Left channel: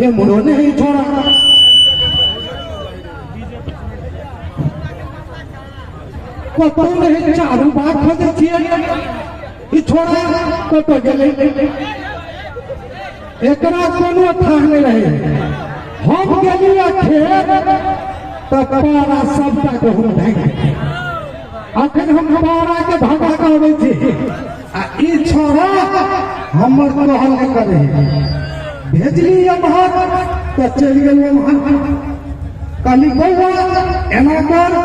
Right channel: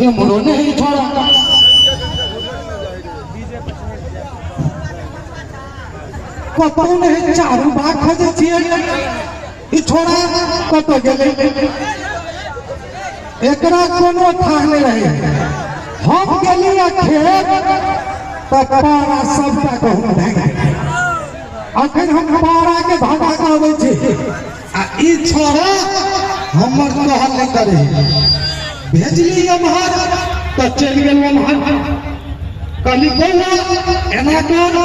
ये मुड़ो नहीं छोड़ा कतो नहीं चारू बात खोजे छिए ई छोड़ा कतो गेले एकरा कोनो थाह नहीं रहे हम गेली खेत तपारा सबटा कहूँ भाग अखन हम बारा के भागा कहबै छी आ ई छोड़ा हमर कहल नहीं करे भेजली एम्हर तो चलि गेल एम्हर कहली बौआ एना कर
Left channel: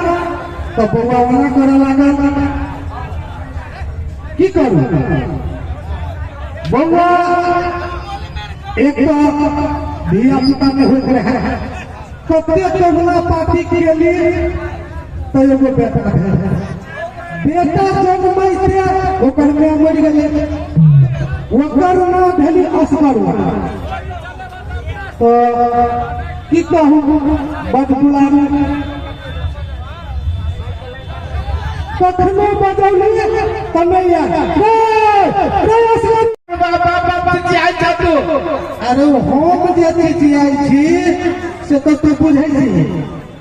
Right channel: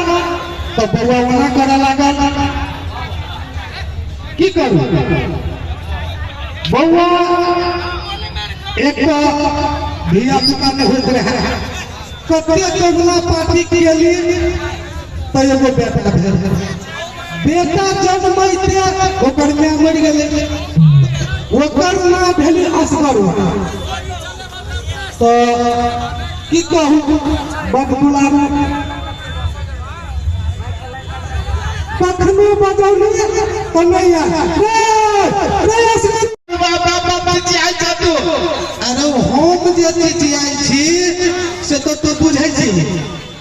तो बौआ ओना करे लागल की करू बौआ एक धिया पुता नहीं होत रहे कते जगला पार्टी केली तो एगो बेटा भेल बेटा जन्मैते ओकर माय मरि गेलै ओकर मां भेली असगर तो की कहूँ बदबुलारू कखनो बदौलिए तनैया अरे हम जे चिचियाई छी से तो बुझै छी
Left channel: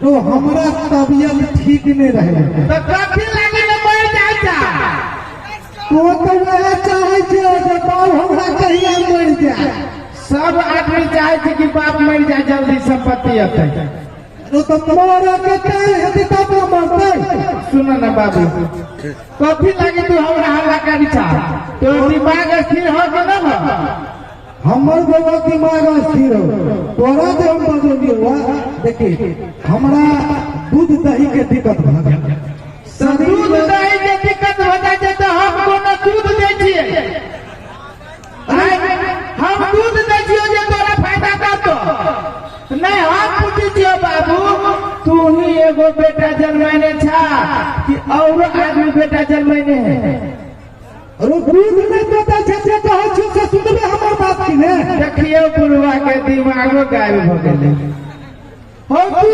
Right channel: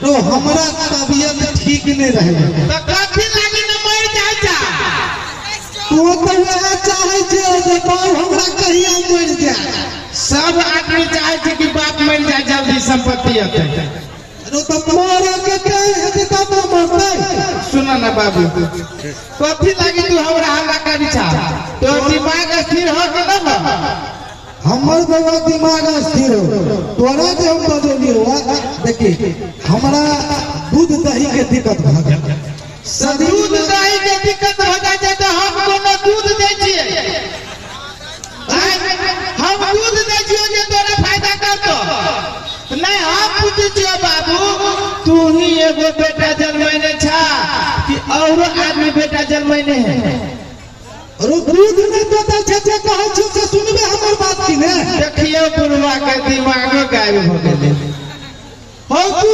तो हमरा तबियत ठीक नहीं रहे तो कथी लागी न मर जाय जा तो वह चाहे छे जे बाप हमरा कहिया मर जाए सब आदमी चाहे छे कि बाप मर जाए जल्दी संपत्ति अते अरे तो मोरा कते हेतै तब मरतै सुन ना बाबू कथी लागी तू हमरा हल्ला करी छा तो दिमाग स्थिर हो के न हमर बौआ दिमाग स्थिर हो तोरा जे हम बजलिए हुआ देखी हमरा दूध दही के दिक्कत भ गया दूध दही के दिक्कत हो जाए तो हम कोनो दूध दे छिए हम दूध दे छिए जे तोरा फायदा करतो नहीं हम पूछी छिए बाबू तू ही एगो बेटा जन्मैने छा कि और आदमी बेटा जन्मैने है अरे दूध नहीं देता छे कहे छी से सुनबे हमर बात की ने देखिए बुढ़वा के दिमागो गायब हो गेले हो तू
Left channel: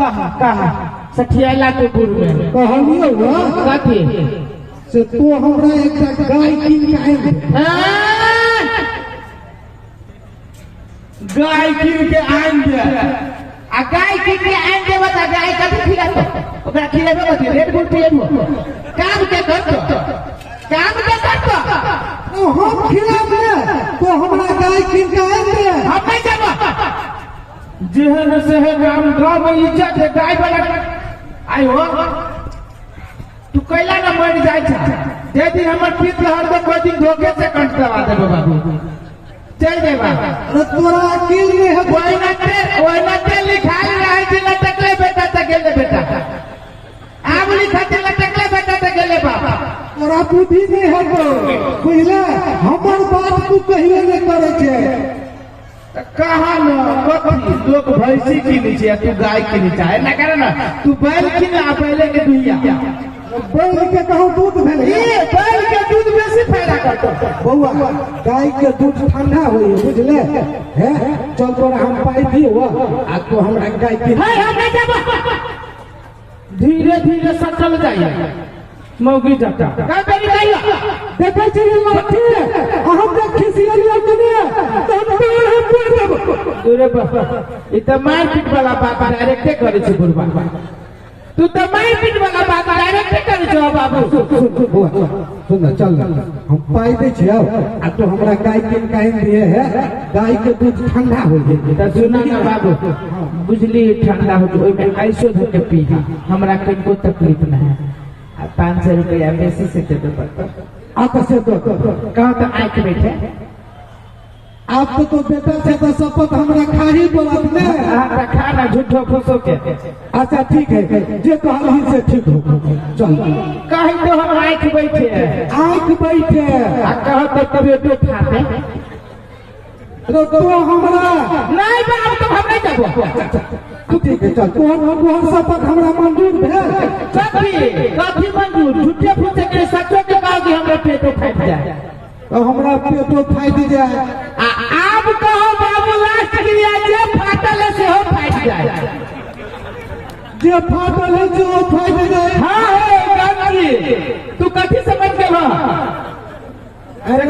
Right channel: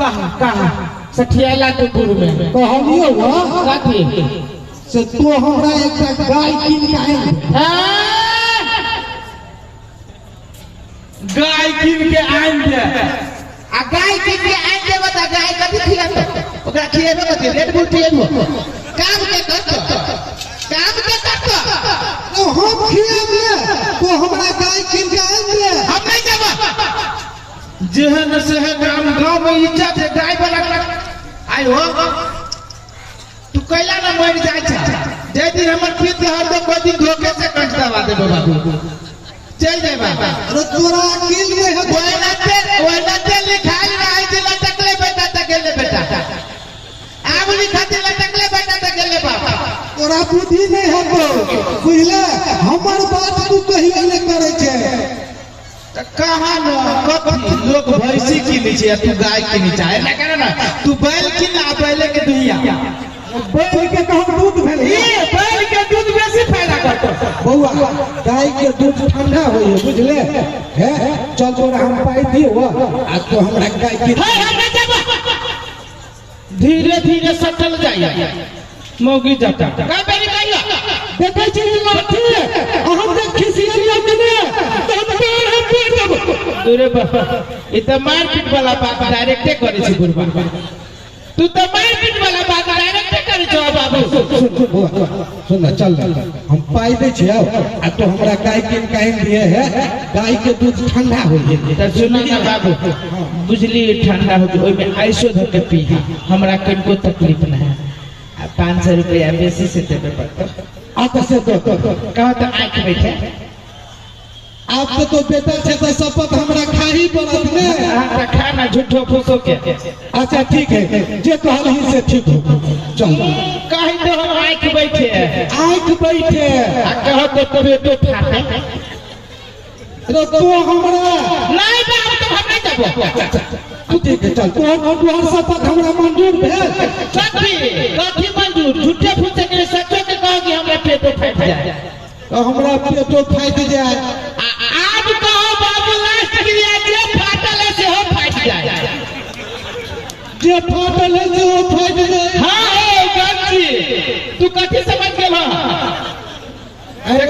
कहा सठियाला तो बुढ़ में कहलियो हुआ कथी से तो हमरा एक गाय कीन के आइन गाय कीन के आइन दे आ गाय कीन के आइन दे बता गाय कथी खिलाते ओकरा खिएबे कथी रेड बुल खिएबे काम के करतो तो हम खिलाब ले तो हमरा गाय कीन के आइन दे हम नहीं जाबो जेहन से गांव में इज्जत है गाय वाला आई हो तू कैला ना मर जाय छ जे दिन हमर पीत हर दम कोई दिन धोखे से कंठ दबा दे बाबू चल जाए बाबा अरे तोरा अकेल नहीं है ओइ न ते लिखाई रहे दिल तकले बेटा त गेले बेटा आबली खातिर तकले बेटा त गेले बाबा तोरा बुद्धि नहीं है तो बुझले हमर बात तू कहियो नहीं करे छे कहाँ न कथी लोग भैंसी किनी छे तू गाय किनी चाहे ना करे ना तू बैल किन आ बैले के दुहिया बैल के कहूं दूध भेले ये बैल के दूध बेसी फायदा करतो बौआ गाय के दूध ठंडा होई है बुझले है चल तोरा हम पाई दियो आ तो हमरा गाय की धीरे धीरे सटल जाइए मौगी जाता का बेरी भैया देखे छी लाठी हम देख खिसियलिया कि दूरे इ त मारपीट वाला बात डायरेक्टे करे छी बुढ़वा तू तो मारपीट वाला बात डायरेक्टे करे छ बाबू सुन चल हम पाई दे छी आ तो हमरा गाय के काइन दिए है गाय के दूध ठंडा हो जे त सुना ना बाबू बुझली ठंडा हो ओइ में आइसो धो के पी हमरा कनको तकलीफ ना है 500 रुपया बेसी से देबे पड़तो आ तो से तो कहा तो आंख बैठे आप तो बेटा से तो शपथ हमरा खाही पड़त ने हां खाना झूठो फूसो के अच्छा ठीक है जे तो हाल ही से ठीक हो चल कहीं तो हम आंख बैठे आ कह तो तबेटो फाटे अरे तो हमरा नहीं बाप तो हम नहीं जाबो ठीक है चल तो हम शपथ हमरा मंजूर भेल कथी मंजूर झूठे फूसे के सच्चो के कहो कि हमरा पेटो फाट जाए तो हमरा पेटो फाट जाए आज कहो बाबू लास्ट के लिए जे फाटल है से हो फाट जाए जे फाटल है से हो फाट जाए हां हे गंजी तू कथी समझ के बा अरे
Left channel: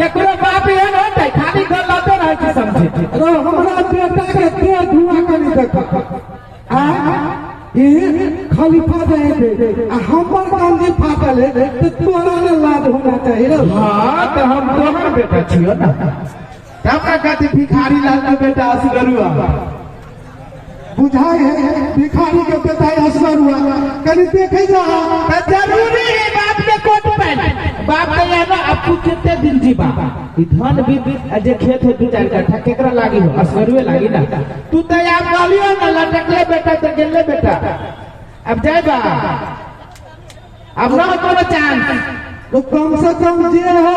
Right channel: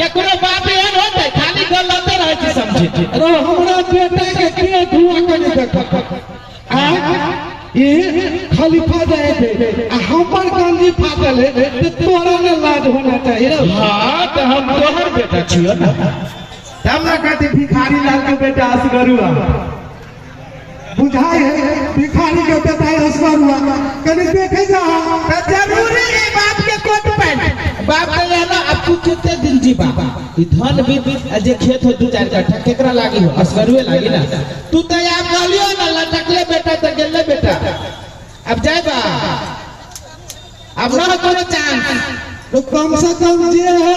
केकरो बाप एहन होतै खाली गल बताते रहे कि समझे अरे हमरा बेटा के के धुआं करे देखा आ ये खलीफा जाए आ हमर गांधी फाटल है तो तोरा ने लाज होना चाहिए। हाँ तो हम तोहर बेटा छियो ना, हमरा कहते भिखारी लाल के बेटा असगरुआ बुझाई है भिखारी के बेटा असगरुआ कनी देखे जा जरूरी है बाप के कोट पहन बाप ने ना अब तू कितने दिन जी बाबा ई धन भी जे खेत हो 2-4 कट्ठा केकरा लागी हो असगरुए लागी ना, तू तो आप गालियो ना लटकले बेटा तो गेले बेटा अब जाए बा अब ना कोनो चांस तो कम से कम जे हो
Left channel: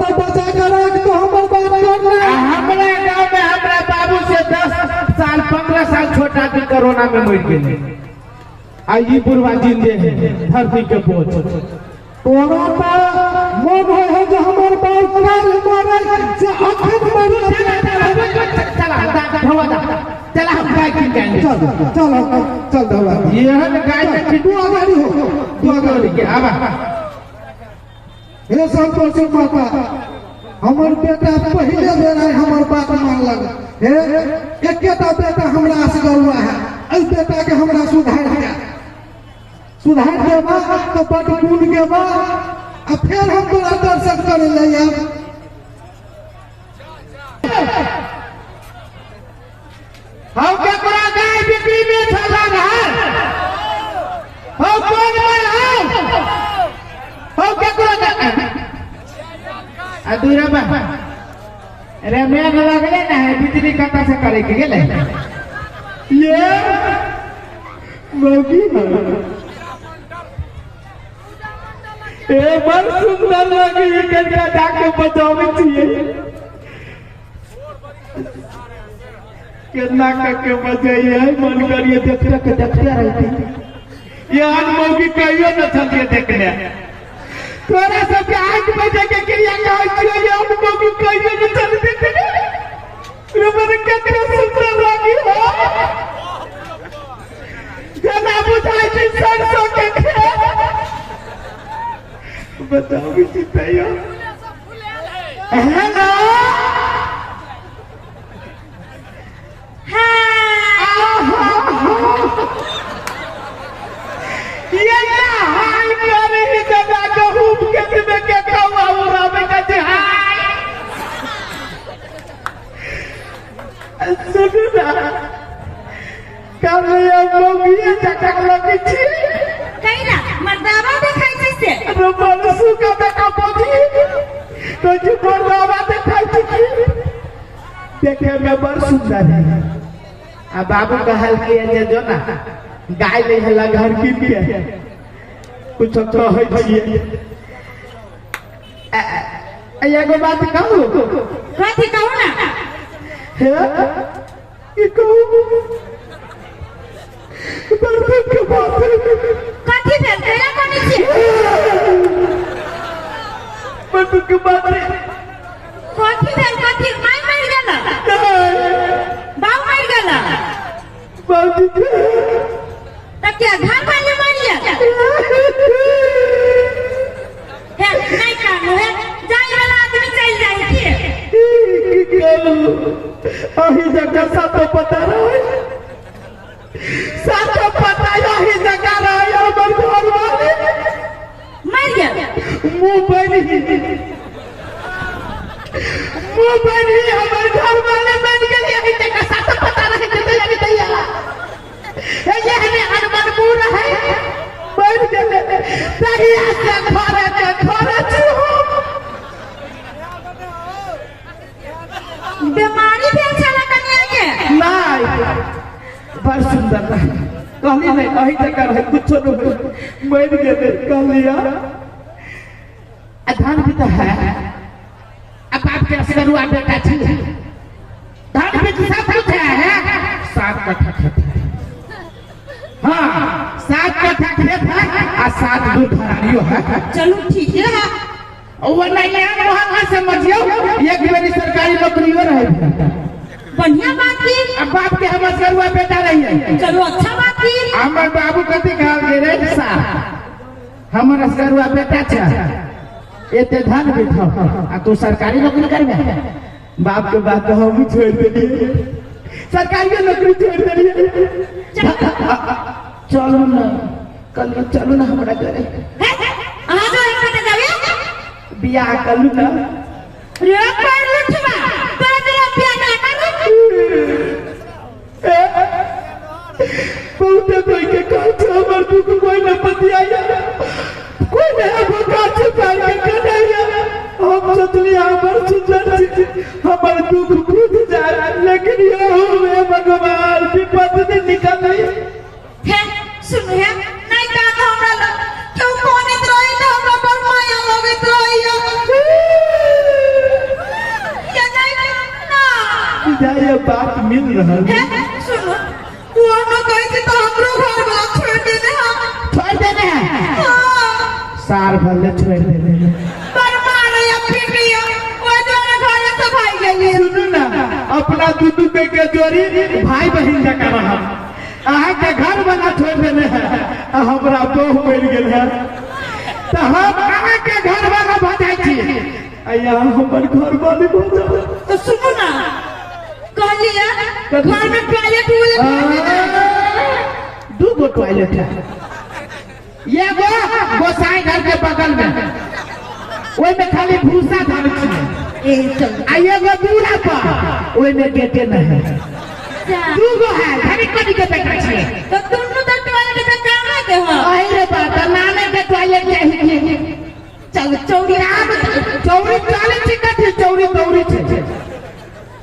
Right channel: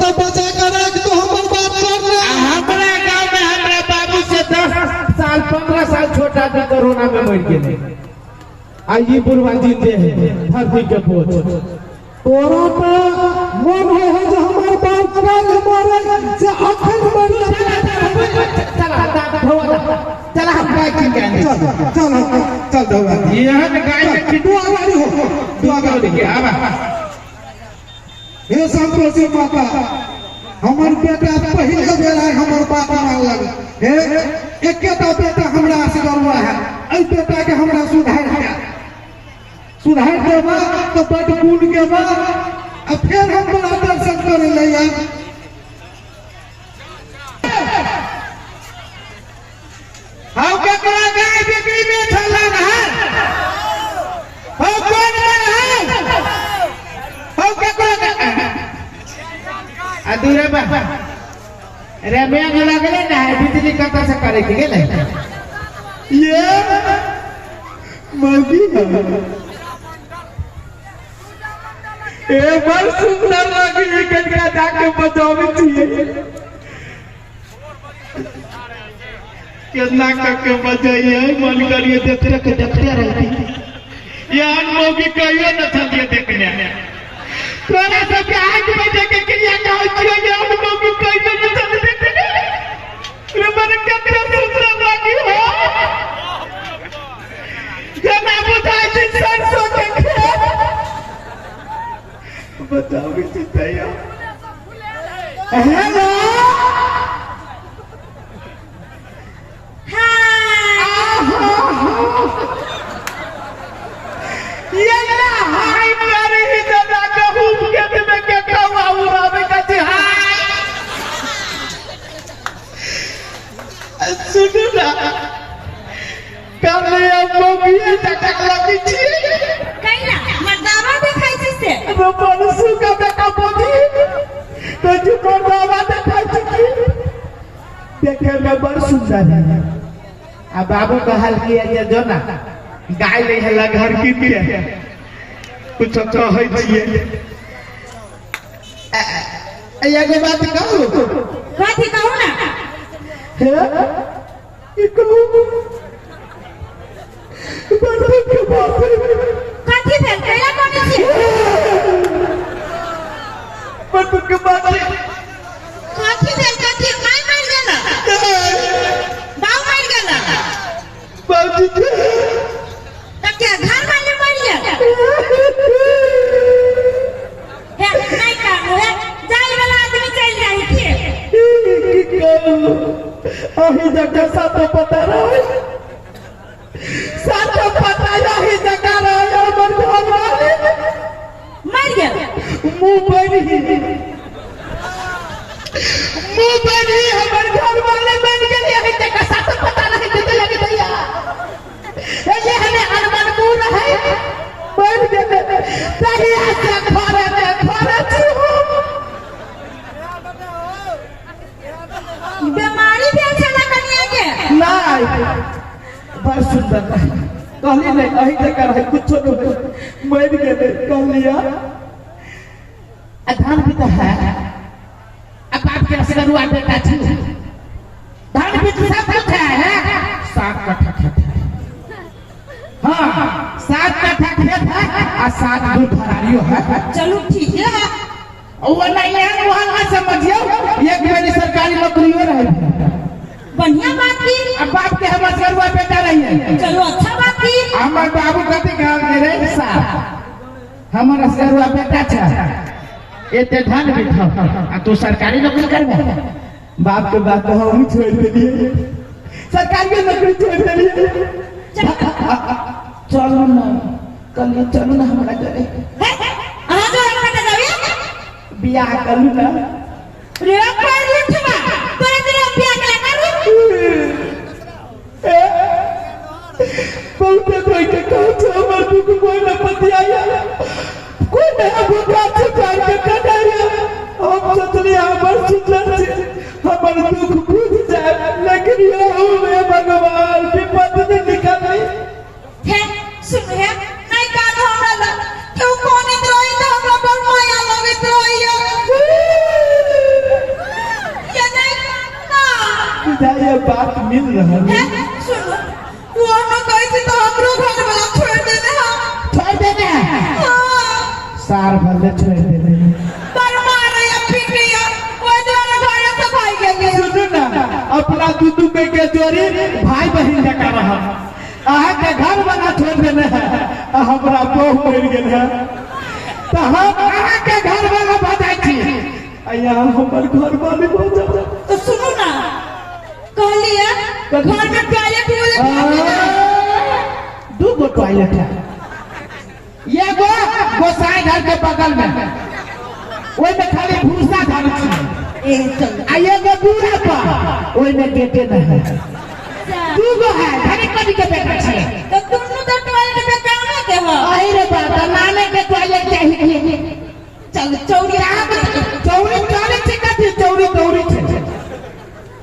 तो बचा कर रख तो हमर बात कर रहे हमरा गांव में हमरा बाबू से 10 साल 15 साल छोटा भी कोरोना में मर गेले आ ई बुढ़वा जिंदे है धरती के बोझ कोरोना मन है जो हमर बाप काल मरे से अखन मरे चला चला हम गाय की गाय चल दवा यहन गाय में पिटुआ वाली हो दुआ के आवा हे संतोषी माता हमर बेटा पहले बेर हमर बाप मान लग हे एकेटा बेटा हमरा से गरुआ है ए बेटा के हमरा सुधार देबा तो बड़ गुण के बा आ फिर हम तोरा दर्शन करे ले आब हम ककरा गाय बिक्री में चला है हम कौन मन हम ककरा अधूरा बा अरे मैं लगले ना बिजली कक्का से करे के गेले ये मौगी ए बड़ सुंदर लगी कनका जाके बचावे चाहिए कितना कक्के बजाइए मन करिए देखते रहती यार मौगी कहियो न चलिए देखने तोरा सब आंख बजे के क्रिया कहै छियै जे हम मौगी कहियो न चल देखने रे मन ककरा सुंदर लगी हो जना बुझाई छै सरसों के खेत बताओ भी चिताया है ना ये ना हाय करे ही जब कहूं के में के कौवा उड़ावे का जे हाय सुन ना कल ये मौगी तक लगी छी कहिला मर्दावा देखाई छै से रो मनसु का बेटा बोधी तो जो मर्दावा देखाई छी देखे में बड़ सुंदर है आ बाबू कहल किया जे जो ना गाय ले हला घर की के कुछ कहै छियै एगो बात कहू कथी कहू ना हे ई कहू बरबे के बात कथी भेल कहिला कोनी छी बरबे के बात कथी भेल कथी माय मर गेला बाऊ मर गेला बाबूजी त क्या घर वाले मर गेला हे नहीं कानो है जाई वाला आदमी चल जाई की कहू अही जगह सब पता रहे सब पता यही जगह रहे हमर घर वाले मर गेला मुंह बनी हमर घर वाले बन गेल यही जगह सब पता रहे जते लगे दैया ये हने अनमन मुंह रहे बन गेल तरिया से घरे बीमारी भेल छला कन्या के नहीं बड़ सुंदर कहली नहीं अही जगह रहे कुछ नहीं मर गेल कहलिया धान भी तो है अब बाप के रसगरुआ बेटा छी धान भी सब कुछ है 7 कट्ठा खेत है हाँ 7 कट्ठा खेत है और 7 दूध भरारियो है चलो ठीक है वो नहीं है वहां समझियो एक बारी सरकारी नौकरियों रहे बढ़िया बात की अब बाप के हम रसगरुआ बेटा रही है चलो अच्छा बात की हमर बाबू कहते गाँव के रहे साहब हमर रसगरुआ बेटा छ एते धान भी खाओ आ तू सरकारी नौकरी करबे बाप के बात तो हम छोड़ देंगे, सरकारी नौकरी छोड़ देंगे। चलो ना कल चलो ना हमारा घरे बियाह करू ना बहुत कोई के काछ हमर दुख कोई न पतिया कोई न हमर काछ चार के कटाया हम सोचली हमर सुंदर छी हमर दुख बुझ जाए लेकिन ये हुए भगवान विपद से निकली है सुन है नहीं का हमरा क्यों कोनी रोई तो हमरा पर माया लवित रोइया ये नहीं ना जाए बात मिल रहा है सुनो वो न कहे तो हमरो घर वाला छोड़ देने हैं सार भले छोड़ देने पर मारे या पिटिया वो दोनों घर से भाई गए सुनो ना अपना दूधू पे के जोरी भाई बहन का रहा आहा के घर वाला छोड़ देने है हमरा बहु मर गेल है तो हम आहा के घर वाला बधाई छी अया हमर घर वाले बजा तो सुनो ना कह लिया घर में टॉयलेट दो गो टॉयलेट है ये गो गोसाई घर के बगल में ओई में खाली भूसा धान छी आये गो बूढ़ा पर ओई में गेटे नहीं है दू गो है धनी कदी के बेटा छी तो दोनों तो टॉयलेट में कहां के हो आई रे बात नाने के टॉयलेट चाहिए चल चौड़ी चौरी चाले छी कथी चौरी चौरी छे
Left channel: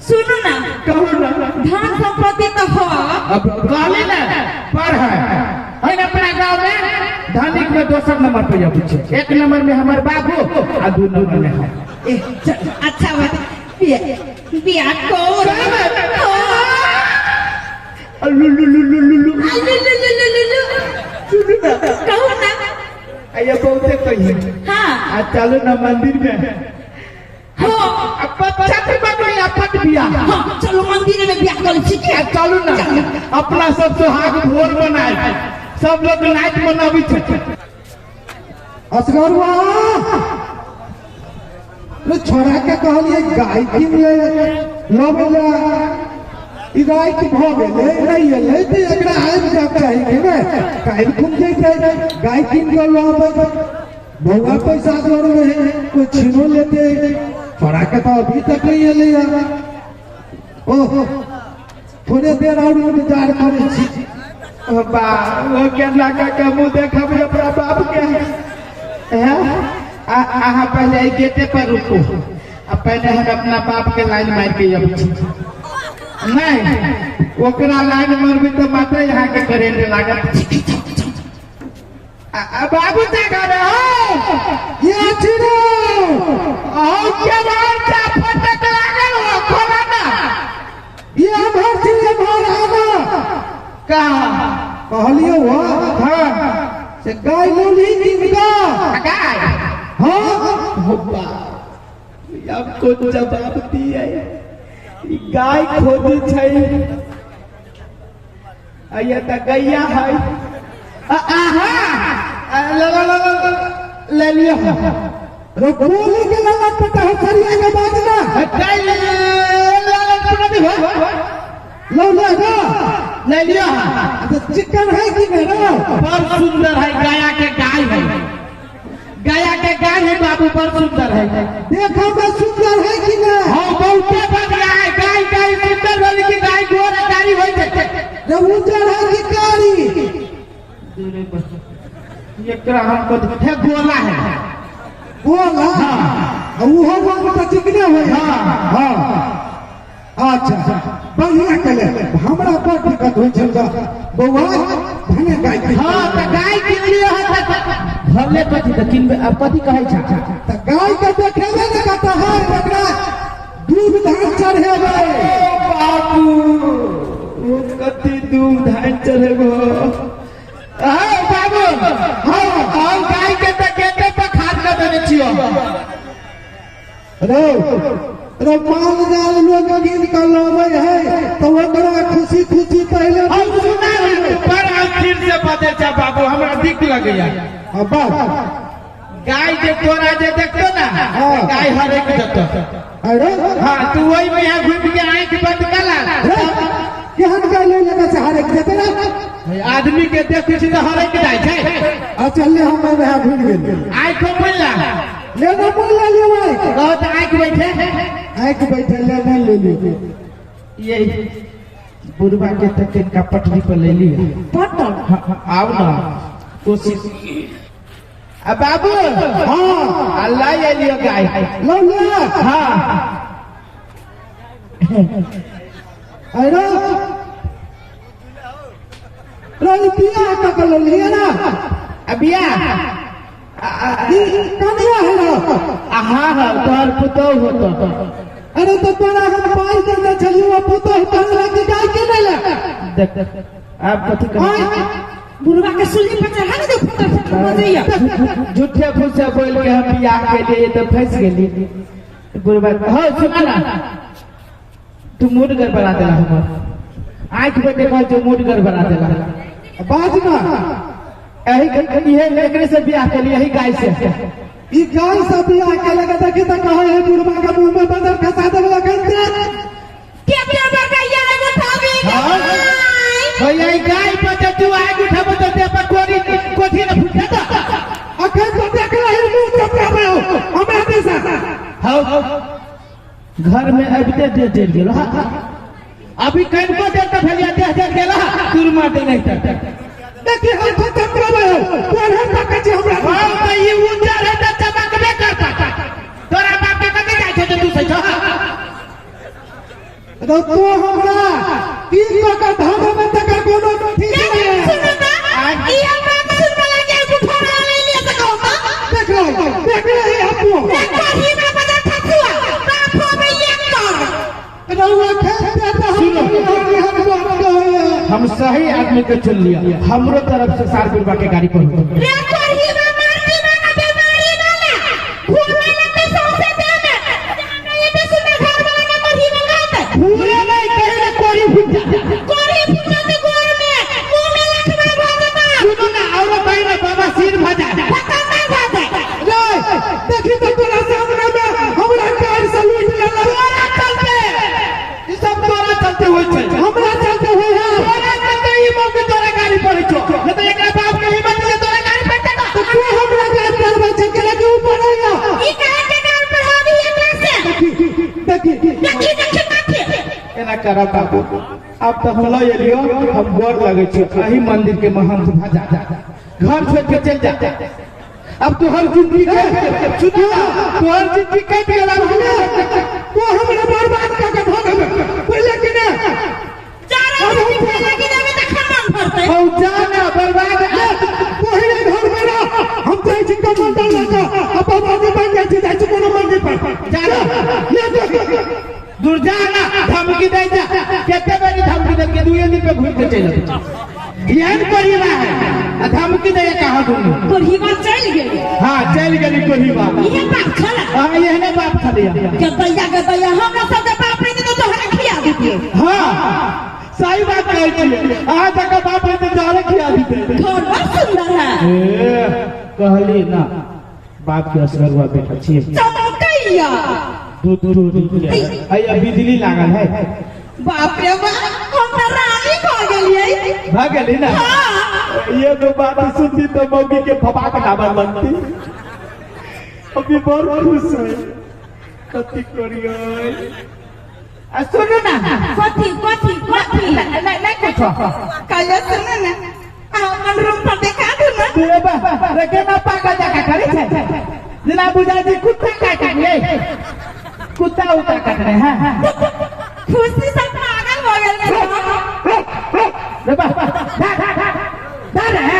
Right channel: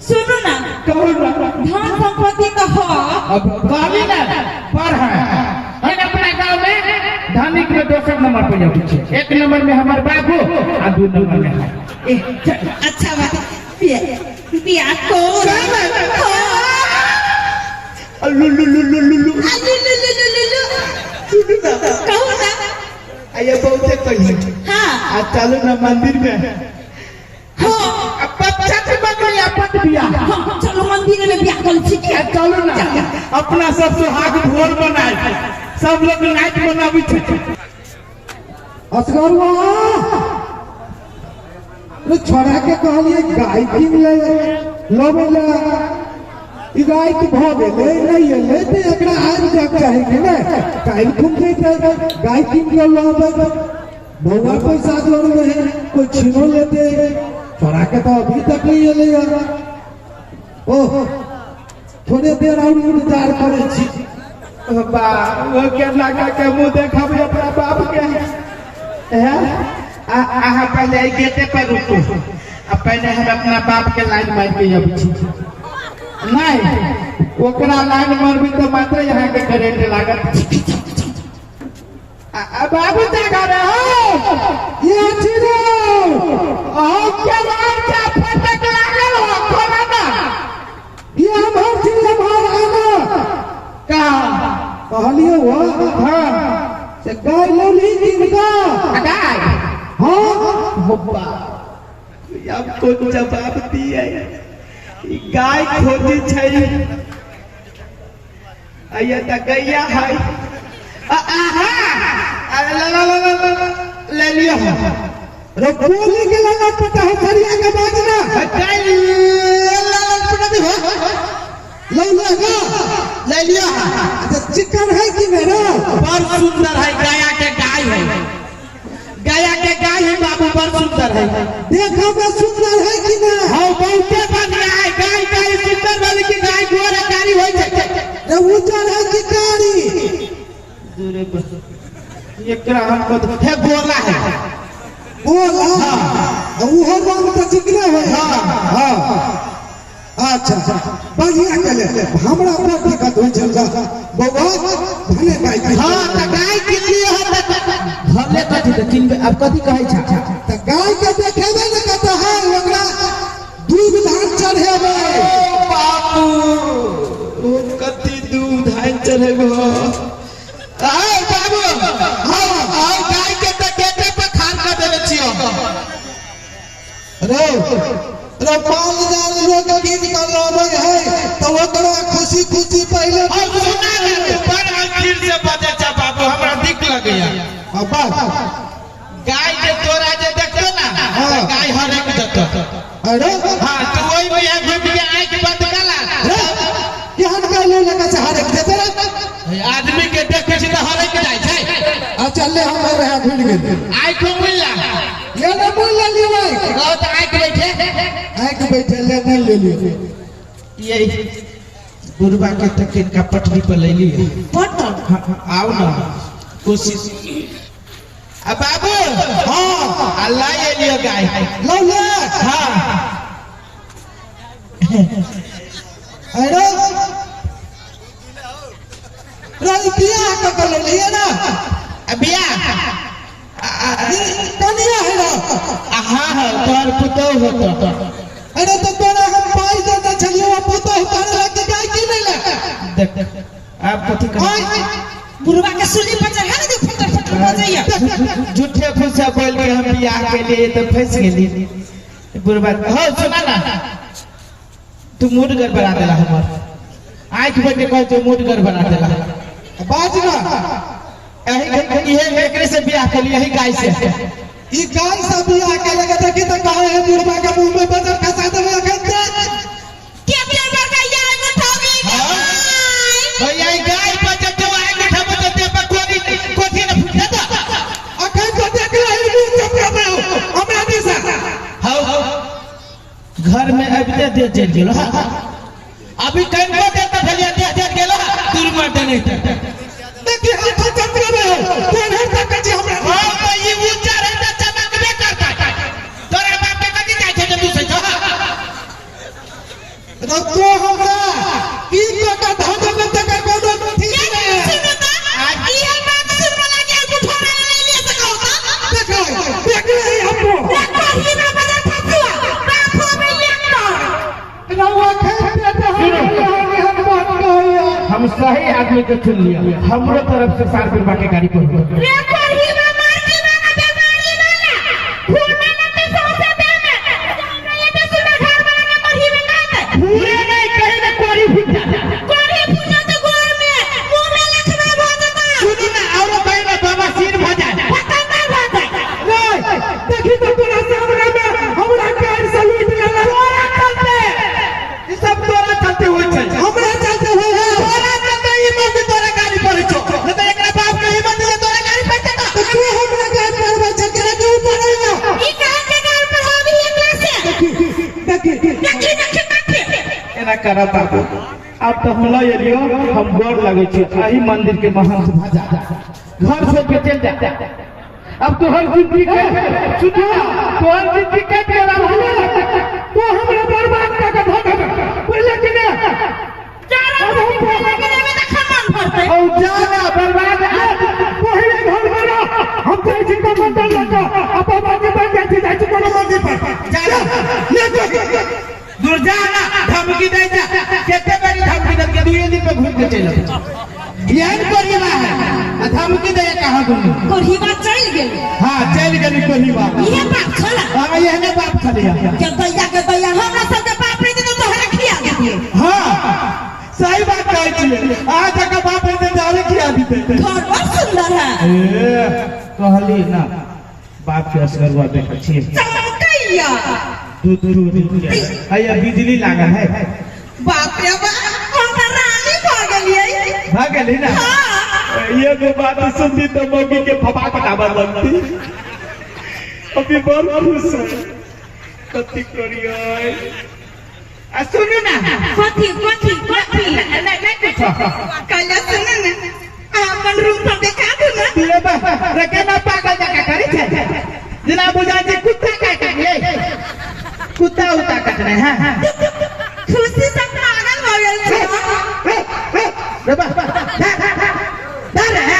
सुनो ना कहो ना धन संपत्ति तो हो अब गाली ना पर है हम अपना गांव में धनिक में दोसर नंबर पे जाबे छी एक नंबर में हमर बाबू आ दू नंबर में हम अच्छा बात बिया को कहो ना ये बहुते कही हाँ आ चलो ना मंदिर में हो बिया हाँ चलो मंदिर में बिया कर ठीक है चलो ना अपना सब सुहाग ढोल बनाए सब लोग नाच मनाबी छे असगरवा तो छोड़ा के कहलिए गाय किन ले लबेला ई गाय के भ गेले नहीं एले तो एकरा आज जब चाहे ना काल घूम के गाय किन के लबे भौवा पैसा जोड़ रहे कोई छिनो लेते छोड़ा के तो अभी तक नहीं एले यार ओह थोड़े देर और इंतजार करे छी बा वो क्या लगा के मुंह देखबे अपना बाप के हैं आहा पहले गेटे पर रुको अब पहले हम अपना बाप के लाइन मार के अब नहीं ओकरा लाइन मारबी तो मात्र यहाँ के करेंट लागत बाबू जागा रे हो ये चिरो ओ क्या बात का फटक लागल हो खोला ना ये भर्ती हमारा ना कहा कहलिए वो हां से गाय लो नहीं किनका गाय हाँ होबा अब को जवाब दिए गाय खोजी छै आये त गैया है आहा ले लिया रे बोले के लगा पता है खरिया के बाजना गाय ले हो लो लगा ले लिया अच्छा चिकन है कि मेरा बहुत सुंदर है गाया के गाय है गाया के गाय है बाबू बहुत सुंदर है देखो मैं सुंदर है कि ना हम बहुते बगला है गाय गाय सुंदर वाली की गाय गोरा कारी होय छै रे उजर है कि कारी दूरे बस एक तरह हमको है गोला है बोला वो हर बात का चिकना है हां अच्छा बढ़िया चले हमरा पर दिक्कत हो चल बउआ धने गाय हां त गाय के लिए है भले कथि त किन अब कथि कहै छ त गाय के देखेबे न कत है ओकरा दूध धान चढ़ेबे बाबू कथि दूध धान चढ़ेबो आ बाबू हां गाय के त केते पर खार के देने छियो रे रे पाल जान लोग गीत का लावे है तो ओकरा खुशी खुशी पहले हम सुना नहीं पर आखिर से बजे छ बाबू हमरा दिक लगैया बस गाय जे तोरा जे देखतो ना गाय हर एक जत तो अरे हाँ तू वही में यहाँ घूम के आँख बंद कर ला केहन गाली लगा से हर एक देते ना आदमी के देखे छी तो हर एक जाय छै आ चलले हमारे यहाँ घुल गेल आँख बोल ला ले ना बोल ला ले भाई कहो तो आँख बैठे बैठे ले नहीं ले लियो यही बुढ़वा के तक इनका पटरी पर ले लिए पटल आओ ना कोशिश अब बाबू हाँ अल्लाह ये लिया गाय लो ले हाँ अरे बिया का ले लिया ना अबिया कनिया है ना हाँ हाँ तोहर पुतौ होतो अरे तो तोरा हम पाई देना चलियो अब तो तोरा लग जाए कि नहीं लगा देख आप कथी कर बुढ़वा के सुली पर चढ़ा दे फटर फटर बजैया झूठे फुसा बोल के हम बियाह के लिए तो फंस गेली बुढ़वा हो सुना ना तू मूड गड़बड़ा देला हमर आँख बंद कर तू मूड गड़बड़ा देला बाज ना यही एकरे से बियाह कर लिए यही गाय से ई गान सब बिया के लगा देखी त कहे है बुढ़वा के मुंह में बदर खसा देवे अखन से के बार गैया लग उठावे भैया ई गाय पे जब तू आगे उठाबो तो ते पर कोठी न फुटे तो अखन तो देख ले मुंह चपका में हमरा देसा हां घर में अबते दे चल गेलो अभी कहीं को देते भैया दे गेलो दूर मार दे नहीं देखी हम तो चपका में हो तेरे तक जी हमरा हां तो ई ऊंचा रहता चमकबे करता तोरा बाप के कते जाय छे तू से जो तो हमरा की का धागा में तक कोनो ठीक नहीं सुनो ता ई हमरा सुनने लगे बुढ़वा ले लिया तो कहता देख ले आपको देखो ही ना बजा फसुआ बापो में ये कर रहुआ खेत पे तो हम बात कहिए हम सही आदमी को चुन लिया हमरो तरफ से 4 रुपया के गाड़ी पर देखो ही ना मार के ना बीमारी ना ना फूल में लगे सौसे दे में ये तो सुना घर वाला ना मरी में गाता पूरे नहीं कहीं ना कोरी फूट जाता कोरी पूजा तो गोर में मुंह में लखवा भाजता सुनो ना और कहीं ना बाबा सिर भजा पता नहीं भाजा देखी तो तोरा सामने में हमरा पैर से लूट लेला चलते ये सब तोरा चलते हुए चल हमरा चलते हुए है तोरा चलते ही मत तोरा गाड़ी पर चो नहीं तो एकरा बाप के हिम्मत ले तोरा गाड़ी पर चढ़ा तो तू हमरा गाड़ी पर बैठ के लगे ऊपर आइया ई कहां के गाल पर आवी है कैसे देखी देखी एना करा बाबू अब तो हम लो एलियो हम गोर लगे छी एही मंदिर के महंत भजा घर से के चल जा अब तो हर जिंदगी के सुनिया तो हर जिंदगी के गेला भले तो हमरा बर्बाद कर के भागे पहले कि ने चारा में पहले के में तो खमन भरते हम जाना बर्बाद पहले घर में हम तो जिंदा मंडल लगा अब बाजी बन जाए जाए कोनो मंदिर पर जाना ले जा दूर जाना धमकी दे जा केते बड़ी धमकी दे के दूर दिन पे घूम के चले ज्ञान परिवार है धमकी दे कहां दूंगी कोढ़ीवा चल गेल हां चल गली परिवार ये बात छला हां ये ने बाप खलिया के दैया हमरा सब के बाप रे तो तोहरा खिया दिए हां सही बात कहै छी आज तक बाप रे तो तोहरा खिया दीते घर बहुत सुंदर है ए कहली ना बाप के असगरवा बेटा छी चमकैया दूध आया बिजली लागल है बाप रे बाप हमरा रानी भाग गेलिए भाग गली ना ये तो बात सुनती तो मम्मी के फपा कटाबर लगती अभी बहुत खुश है कति करियो आ सुनो ना कथी नहीं कुछ कल सुनो ना अपन रूम पर देखा दू ना तेरे बा रके में पागल जका करे छे जना बुझा जी कुत्ता काट ले कुत्ता उता काट रहे हैं खुशी से पागल हो गए छे रे बा दारे है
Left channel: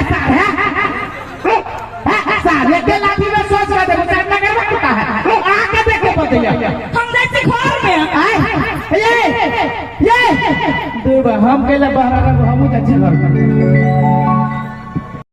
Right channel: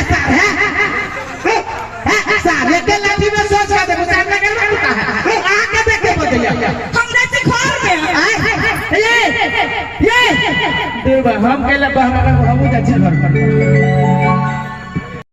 सारे के लाठी में सोच रहा देखो सामने करवा कुत्ता है आके देखो बदलिया हमरा से घर में ये देवा हम केला बहाना हम जा छी घर